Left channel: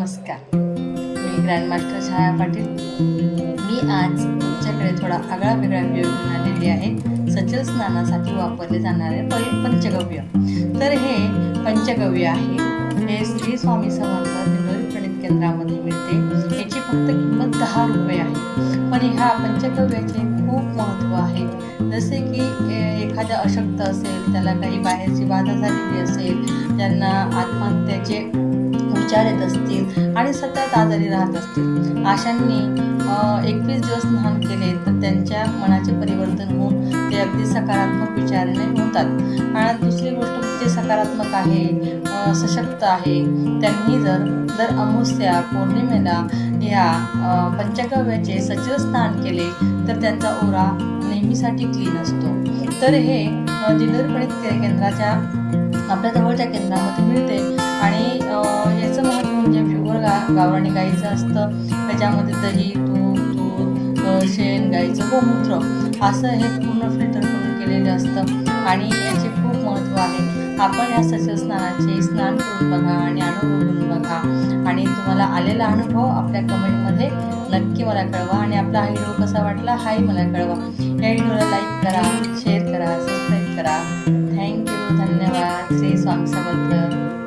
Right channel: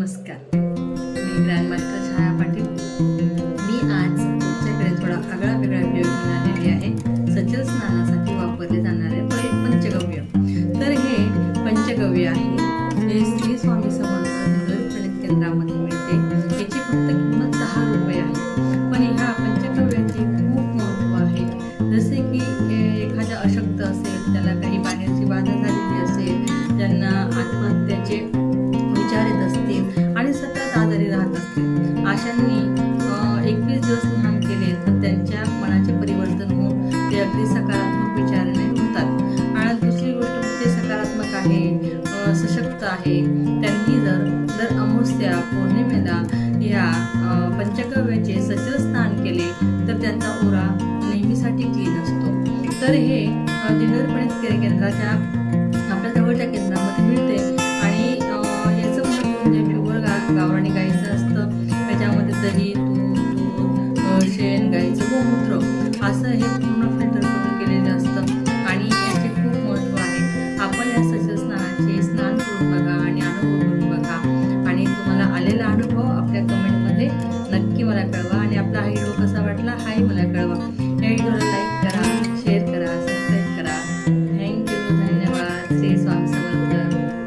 नमस्कार, मी ग्रँडमास्टर छाया पाटील। मी आज तुमच्याकडे थोडा आगळा वेगळा व्हिडिओ घेऊन आलेली आहे। सचल स्नानासाठी वापरले जाणारे पंचगव्य। तर हे पंचगव्य आहे, हे श्री स्वामी समर्थ दिंडोरी प्रणित केंद्रामध्ये मिळते। याची फक्त किंमत 10 रुपये आहे, पण ह्या पंचगव्याचे खूप महत्त्व आहे। जसे की एखादा अशक्त असेल, त्याला काही बाहेरची बाधा झालेली असेल, ज्यांना आत्महत्येचे विचार येत असतील आणि सतत आजारी राहत असतील, अशांनी 21 दिवस स्नान केले तर त्यांच्या मनाचे परिवर्तन होऊन ते अगदी सकारात्मक विचाराने होतात। आणि दुसरी गोष्ट ते सकारात्मक आहे, सशक्त आहे। त्यांनी दर अमावस्या पौर्णिमेला ह्या पंचगव्याचे सचल स्नान केले तर त्यांचा ओरा नेहमीसाठी क्लीन असतो। तर हे दिंडोरी प्रणित केंद्राच्या आपल्या जवळच्या केंद्रामध्ये मिळते। आणि याचं महत्त्व म्हणजे प्युअर गावरानी गाईचं असतं। त्याच्यामध्ये दही, तूप, दूध, शेण, गाईचं गोमूत्र असं हे पूर्ण फिल्टर करून केलेलं असतं आणि याचे खूप महत्त्व आहे। आपण या सचल स्नानाचे स्नान करून बघा आणि अनुभव घेऊन बघा, आणि तुम्हाला आलेला अनुभव आपल्या कमेंटमध्ये नक्की मला कळवा। आणि आपला हा व्हिडिओ कसा वाटला हाही मला कळवा। या व्हिडिओला लाईक करा, शेअर करा, सबस्क्राईब करा। थँक्यू, धन्यवाद। श्री स्वामी समर्थ।